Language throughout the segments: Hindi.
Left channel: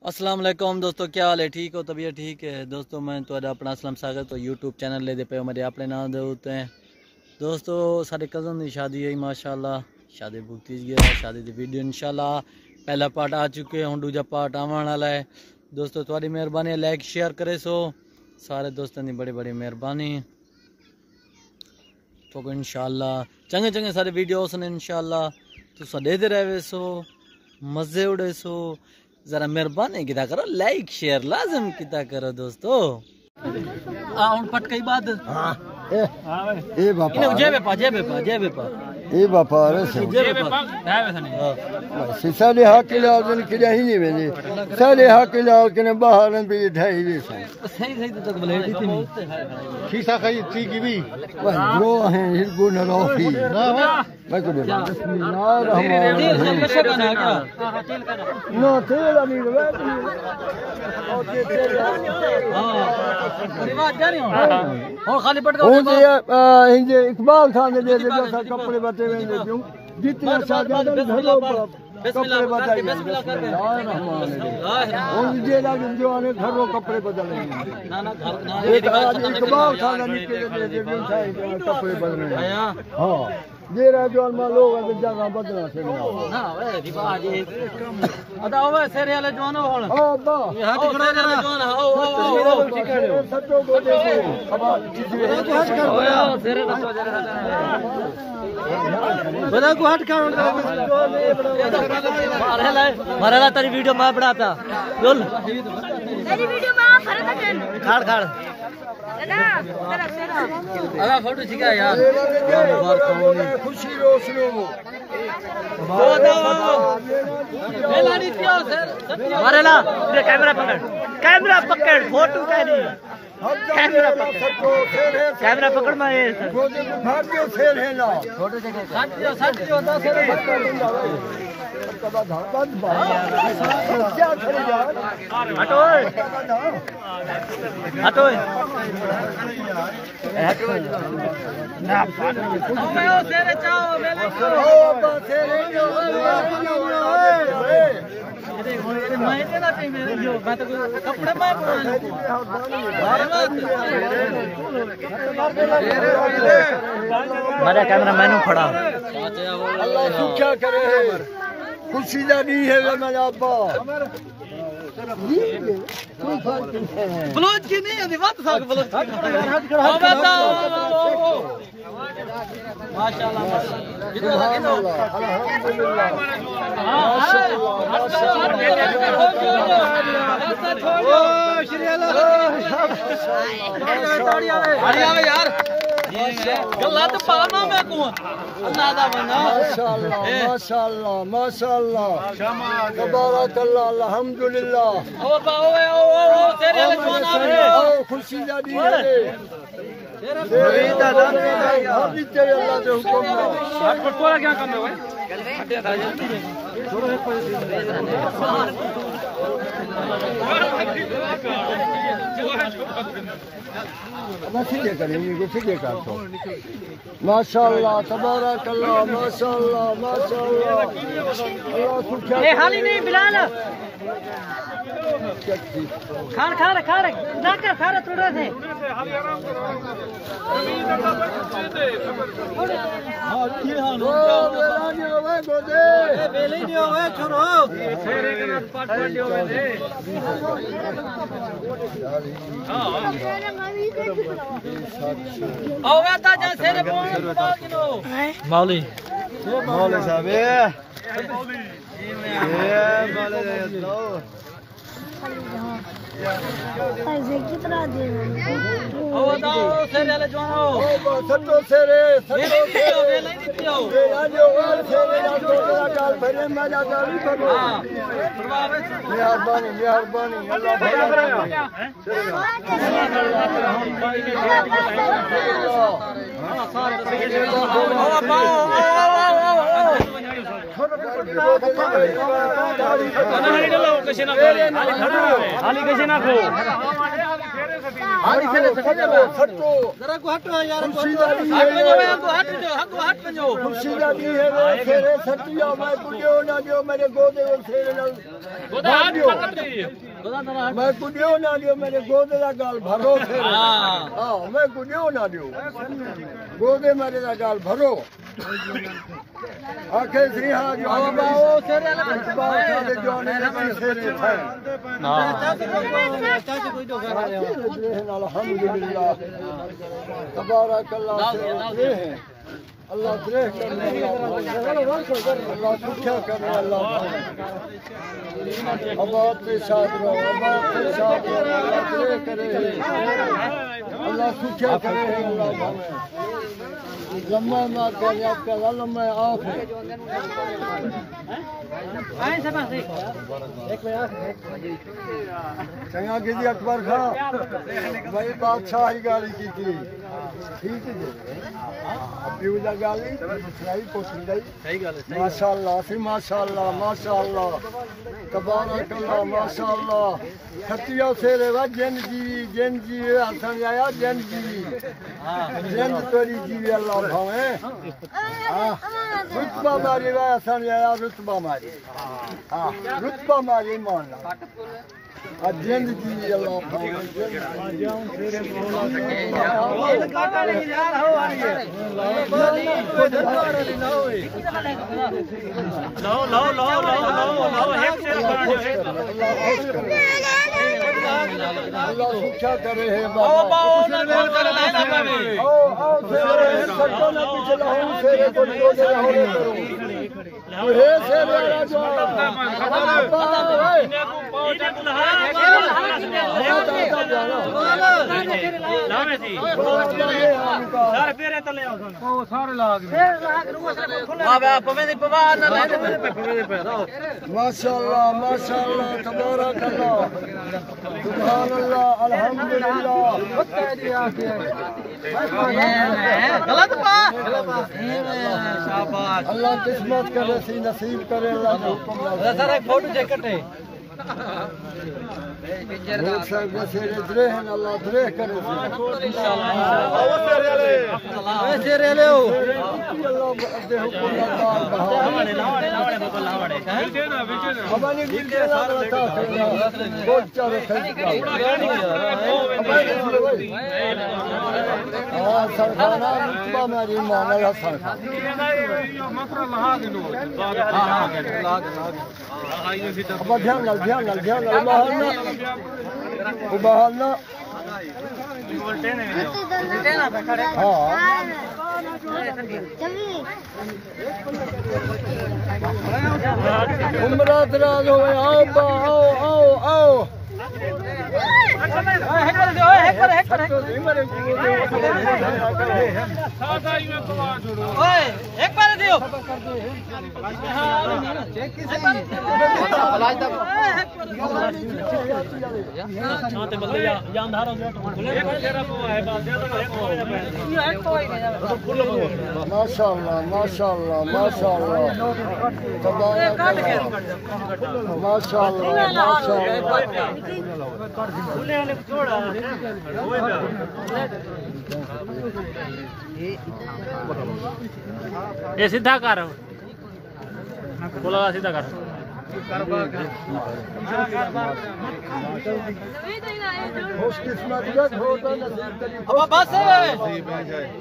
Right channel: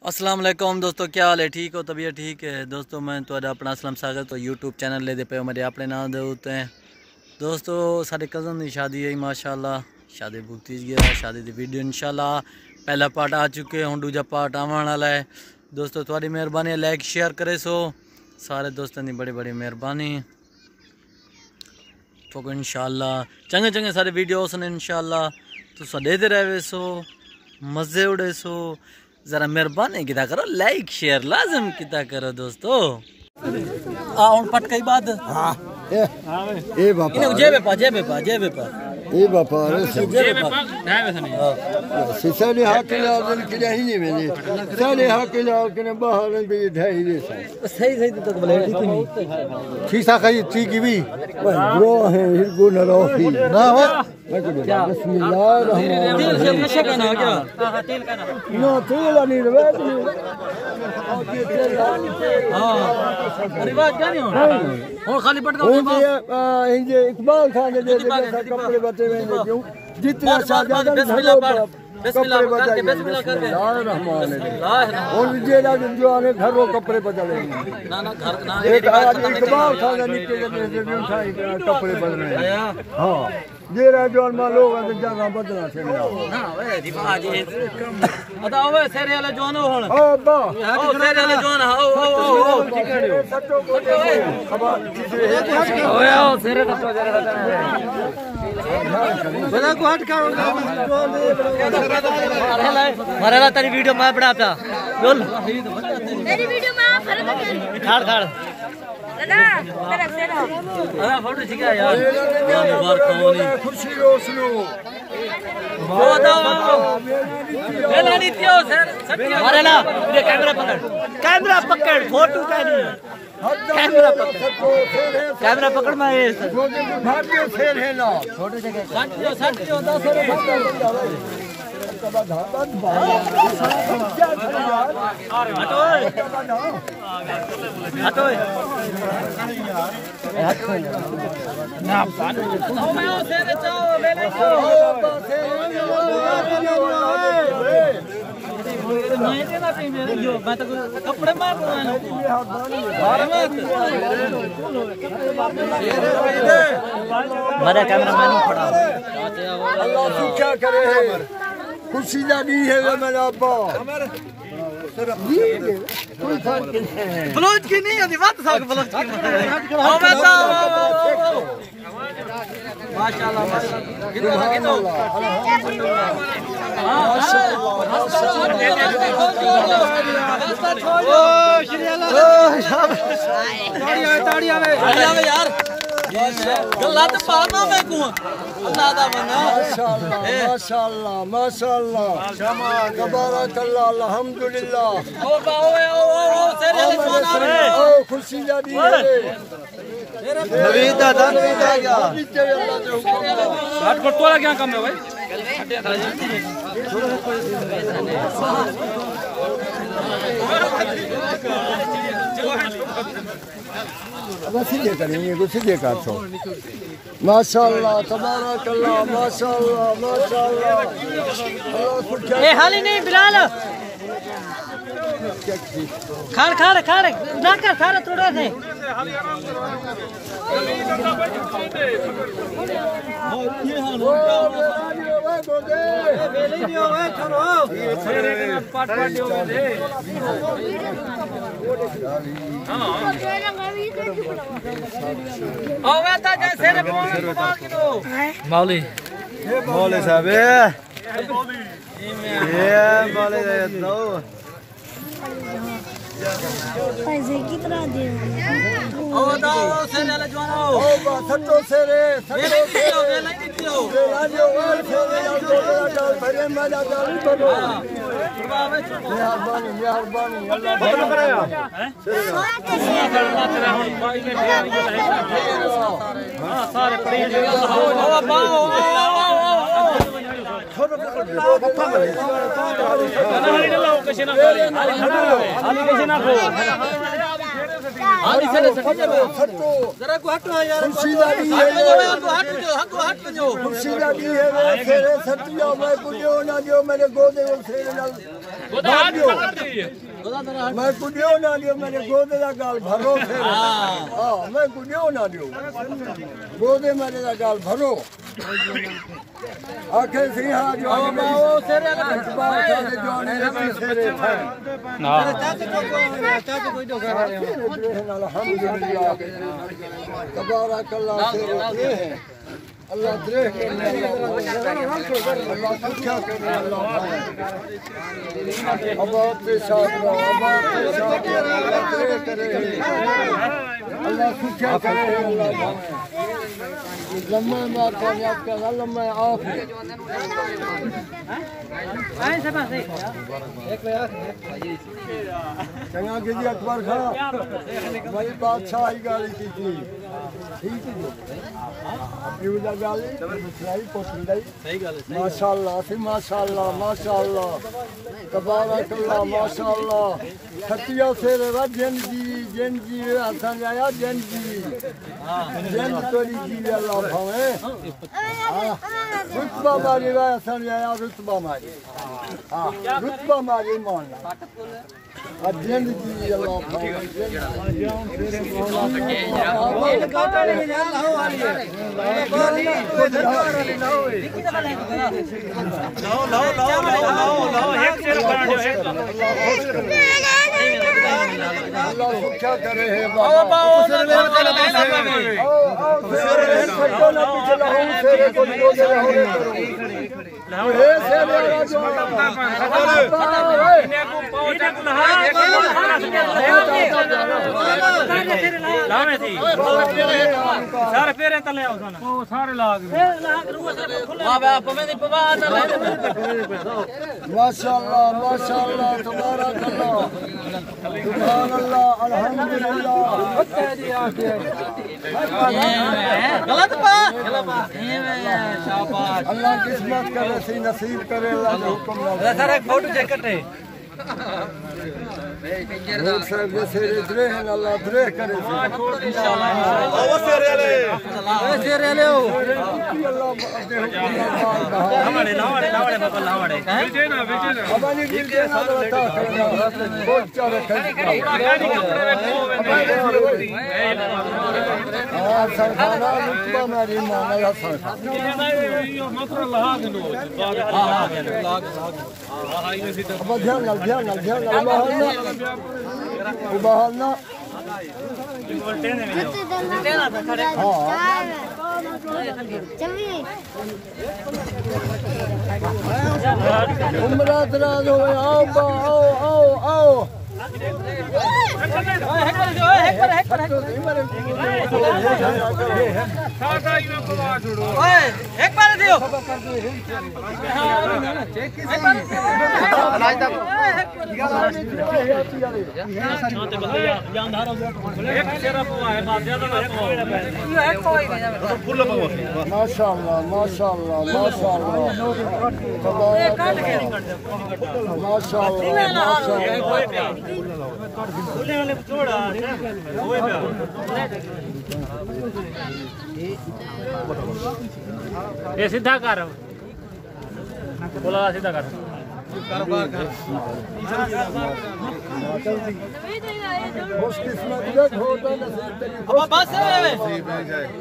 अस्सलाम वालेकुम दोस्तों, क्या हाल है? ठीक हो? तबीयत ठीक है दोस्तों? मैं तो अपना असलम सागर तो यूट्यूब चैनल ले दे पे मेरे अपने नाम दे होते हैं दोस्तों। सारे कज़न की शादी है माशाल्लाह, शादी भुगती गया शादी की वीडियो इंशाल्लाह पहला पार्ट आ चुके हैं, दूजा पार्ट आने वाला है दोस्तों। थोड़ी मेहरबानी लाइक शेयर करे सो सारे दोस्तों की बड़ी बड़ी मेहरबानी तो इंशाल्लाह चंगे चंगे सारे वीडियोस ने इंशाल्लाह तुसा देते रहे सो मज़े उड़े सो। जरा मेहरबानी किता करो, लाइक शेयर लाजम किता करो दोस्तों। पट कई बात ए बापा ए बापा सारे हक लाजन के ही नहीं वेने सारे हक लाजन बाहर पे ढाई दे सही सही तो ब्लेड थी शीशा कई ची की भी ब्रो है हिरगो न रोफी ना हो मैं को बिस्मिल्लाह तेल जब नशा का ना क्या ना तेल नहीं रे रिवाज क्या नहीं हो खाली पट का ये इकबाल खान दे दे कपड़े बचे हुए क्यों जितना सादा बिस्मिल्लाह करके बिस्मिल्लाह करके रहमान और जे लाग जो आने घर रो कपड़े बदले ना ना घर ना एक इकबाल खान नीचे दे कपड़े बदलने हां ये रहा जो मान लोग अंदर जगह बदलना से ना वे रिवाज है अदा ओए सेरे वाले जवानो हुन ओ बा ओ सेरे वाले जवान ओ सटो को खबर ओए ओ सेरे बड़ा को हट का मारेला तेरी वीडियो मैं बनाता बोल मेरी वीडियो में आप खाड़ खाड़ दादा फोटो ठीक है यार मुबारक होनी खुशी रोशनो मेला नहीं थियो सर मारेला ये कैमरा पकड़ फोटो का नहीं कैमरा पकड़ मैं ये भाग्य फेर है ना छोटे से 60 10 हटो हटो कपड़े मेरा कैमरा मैंने खड़ा क्या करे खुशी दा नहीं है मेरा अब्बा ब्लाउज की नहीं है बात साग ब्लाउज की हो बेटा माशाल्लाह कितो ताड़ियां यार गल्ला तो पाना मैं को अल्लाह दा बना माशाल्लाह माशाल्लाह शमा तबारकल्लाह अल्हम्दुलिल्लाह ओ बाओ ओ तेरे ले खुशी दा दी है तेरे दादा अभी ते अल्लाह जो हट कर तोरा क्या काम है भाई अब सीधे करेंगे तो सीधे काटो माशाल्लाह तबारकल्लाह माशाल्लाह माशाल्लाह अल्लाह खुद क्या ए हाली नहीं बिलाल खाड़ खाड़ खाड़ ना कर थारा थोड़ा थे ये हाल हो क्या बेली भी हो गए छोरो तेरे के ना पाट हो गए हां ओवे ता जैसे रे बोल किलो मौली साहब ये मौली दो पैसे कितना दे ओ दाओ से ले जवानो ओ सत्तो सेरे ये हो गया नहीं देती हो राजो सेरे का भरे मजा चालू करो जरा को हट यार खुशी दा दी हट में जाओ तू हट में जाओ खुशी दा दी है फेरे सतिया मैं कुड़ियो ना जो मेरे गोदे से भाग दियो मैं कुडियो ना दियो मेरे गोदे दा गाल भरो फिर हां मैं कुडियो ना दियो गोदे मेरे दा गाल भरो आखे सी हां जो बाओ तेरे ना बाओ साडे जोने तेरे हां अल्हम्दुलिल्लाह तबारक अल्लाह से ये है अल्लाह दे अल्लाह क्या करे अल्लाह आबाद के साथ आबाद के साथ अल्लाह करे अल्लाह क्या करे अल्लाह लम्मा ना करे आपका लम्मा आफ आए सब एक चंगा गिरी अकबर खां भाई बादशाह ही गाली की थी ठीक है यूजा गाली मसलाई पोछंदाई सही गल है माशाअल्लाह फिर माशाअल्लाह माशाअल्लाह तबारक अल्लाह माशाअल्लाह खतिया सेरे वजन जी हसन आया जन जी जन तोरी जी अल्लाह भावे रुतबा मारी वा हसन आया रुतबा मारी हां रुतबा मारी मान अजन जी अल्लाह भावे जान सेरे बोला ये काटा नहीं जाना हो वाली है लाओ एक से अल्लाह क्या करे है बाबा माशाअल्लाह माशाअल्लाह तबारक अल्लाह सुभान अल्लाह अल्हम्दुलिल्लाह गलत बात शाबाश अल्लाह किस्मत करे सी नसीब करे अल्लाह हुक्म सर एक फोटो चेक करते अल्लाह दरे करे माशाअल्लाह माशाअल्लाह ये सीधा कर बोला सीधा कर खुशकिस्मत का होता नसीब तेरी बस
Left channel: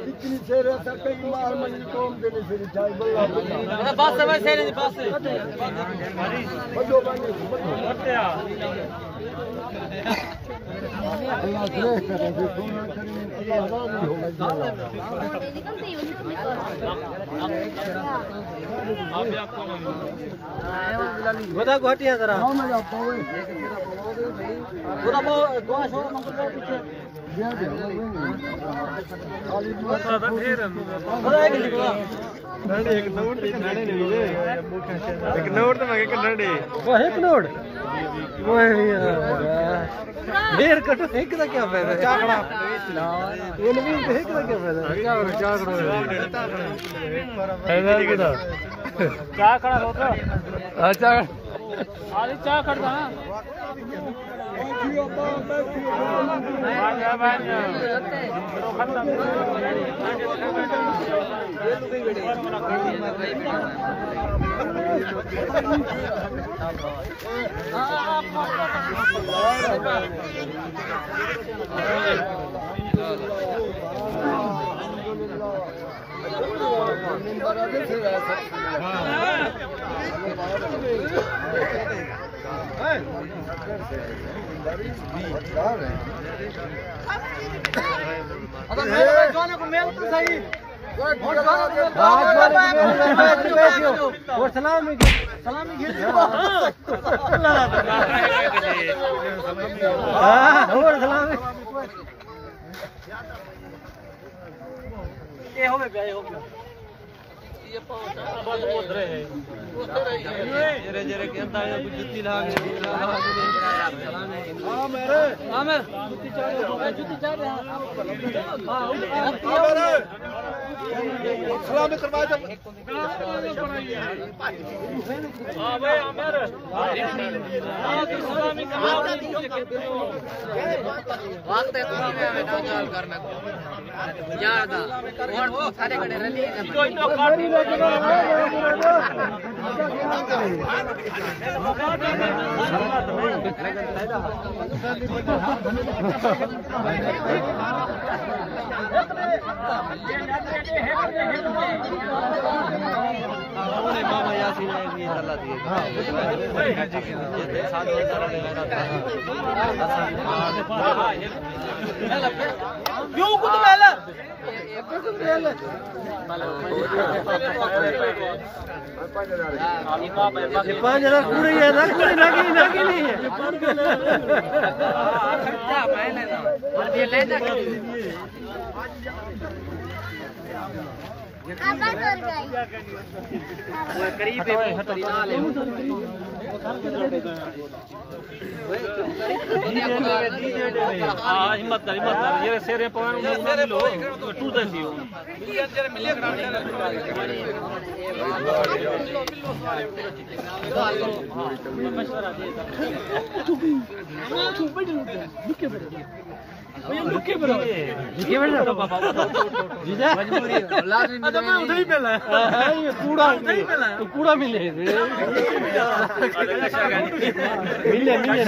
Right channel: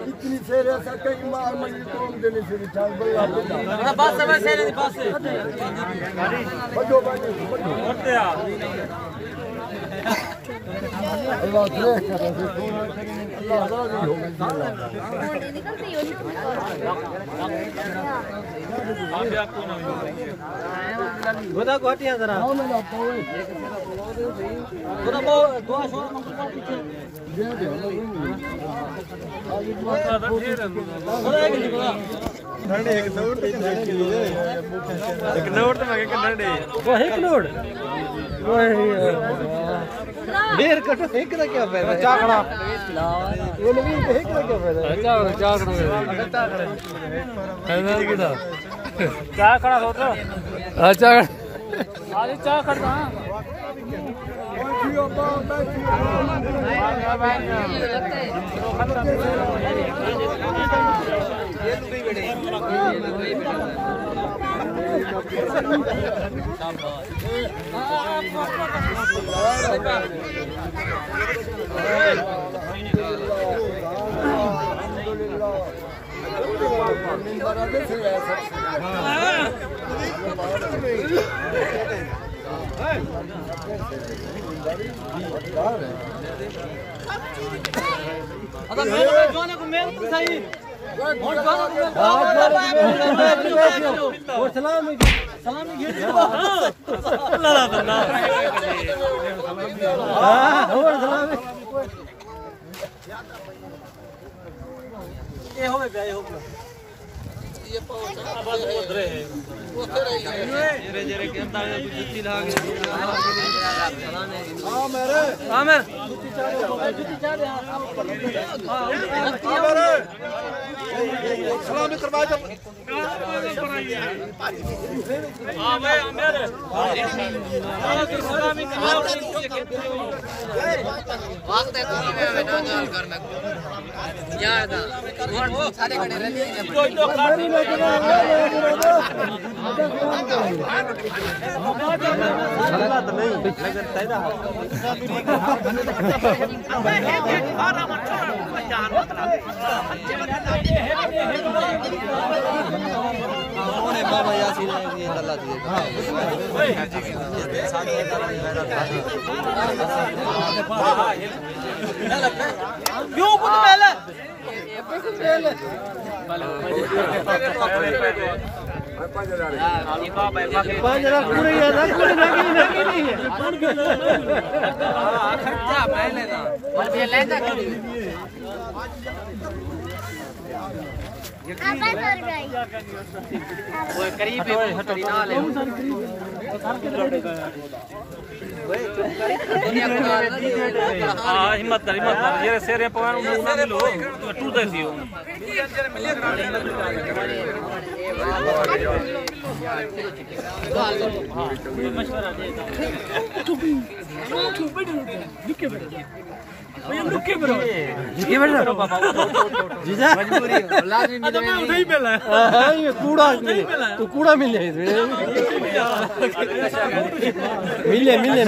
इतनी शेर ऐसा कई मार मंडी कौम देने से बिठाई बल्ला बस शेर बस बजो बजो बजो अल्लाह करे अल्लाह राजी होगा अल्लाह बता घटिया जरा हां मैं आपको बता वो दुआ शोर नंबर पर पीछे दे दे खाली दुआ का नडे एक नोट नडे एक नोट तो मगे नडे वो एक नोट ढेर कट एक का क्या फायदा चाकड़ा ये नहीं एक का क्या फायदा चाकड़ा चाकड़ा है किधर क्या खड़ा हो तो अच्छा आधी चाय करता जोने को मेल तो सही सलामी घेर ये हो गया ये हो गया ये पहुंचा उधर है उधर है जरे जरे के अंदर जुत्ती लगा के हां मेरे जुत्ती चार हां मेरे सलामी करवाए थे हां भाई मेरे सलामी हाथ दे मैं ना जाल कर मैं या याद वो सारे खड़े रहते मामा यासीन ये तल्ला दिए क्यों कुछ पहले हिम्मत कर ये शेर पवन उन्हें मिलो टूट देती हो लुके बरो जीजा तो मैं उधर ही मिला कूड़ा तो कूड़ा मिले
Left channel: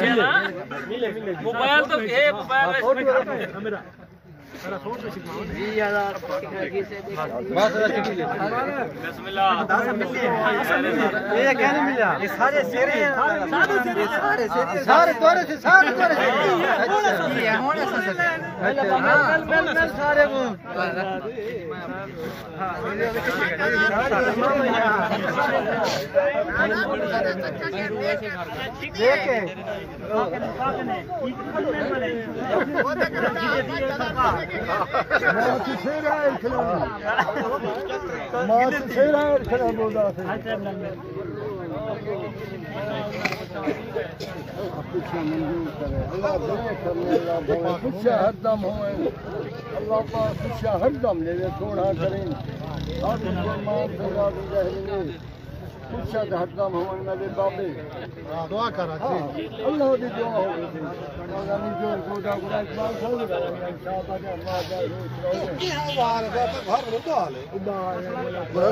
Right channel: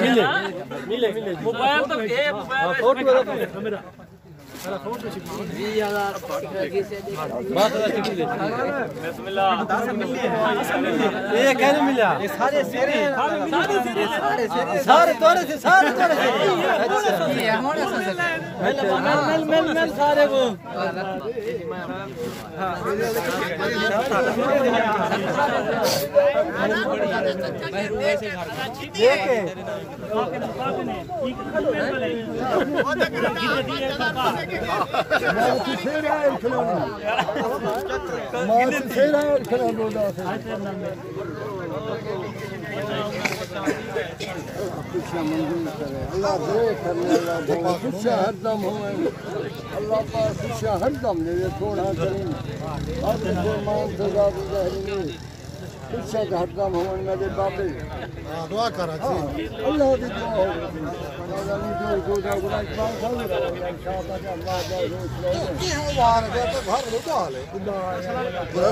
मिले मोबाइल तो ये मोबाइल मेरा मेरा फोटो छिपाओ जी यार बात बिस्मिल्लाह ये कहने मिला ये सारे शेरे सारे तोड़े थे सारे ये होने से मिल सारे वो देखे हरदम हो अल्लाह हरदम ले थोड़ा करें हरदम हो मेरे बाबे दुआ कर अल्लाह की दुआ हो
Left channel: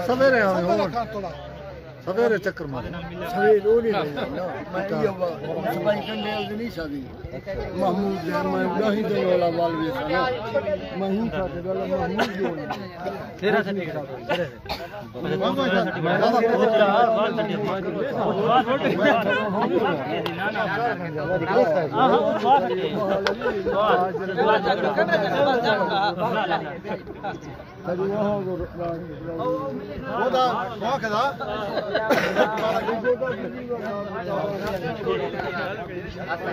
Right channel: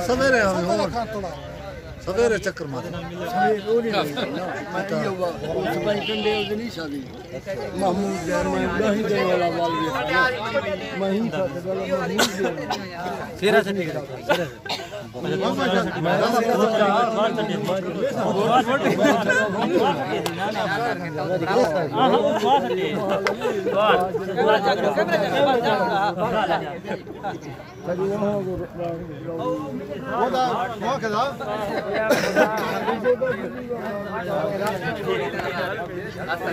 सवेरे सवेरे चक्कर मारे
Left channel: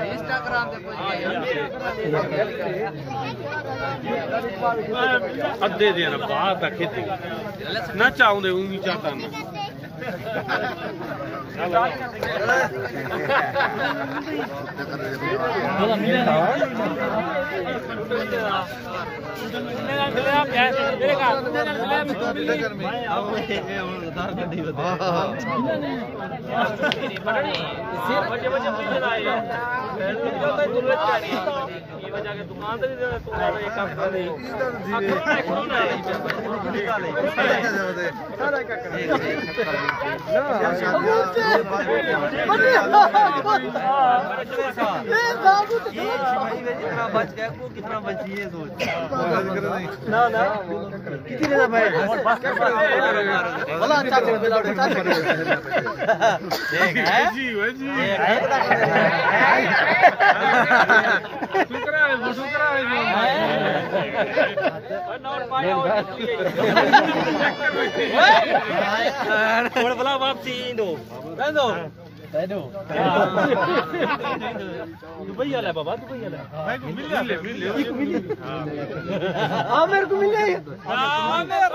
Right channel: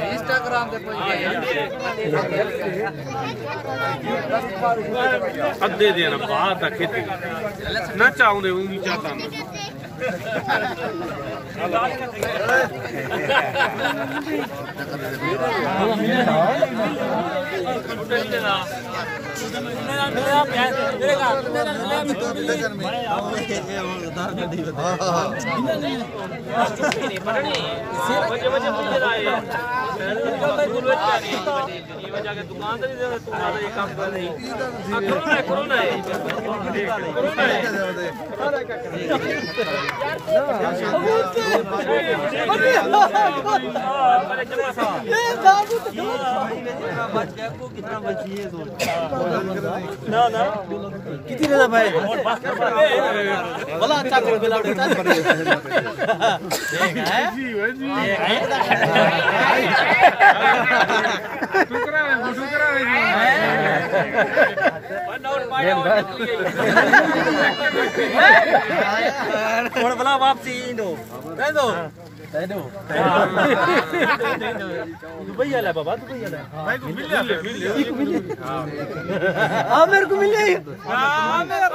इंस्टाग्राम पे अद्धे देना बात खेती ना चाहूंगे उनकी चाहता मैं किती रे भाई भला चाचा बेला चाचा भला वापसी इंदो दुबई वाला बाबा दुबई वाला भाई को मिल गया हां मेरे को मिल गई हां मेरा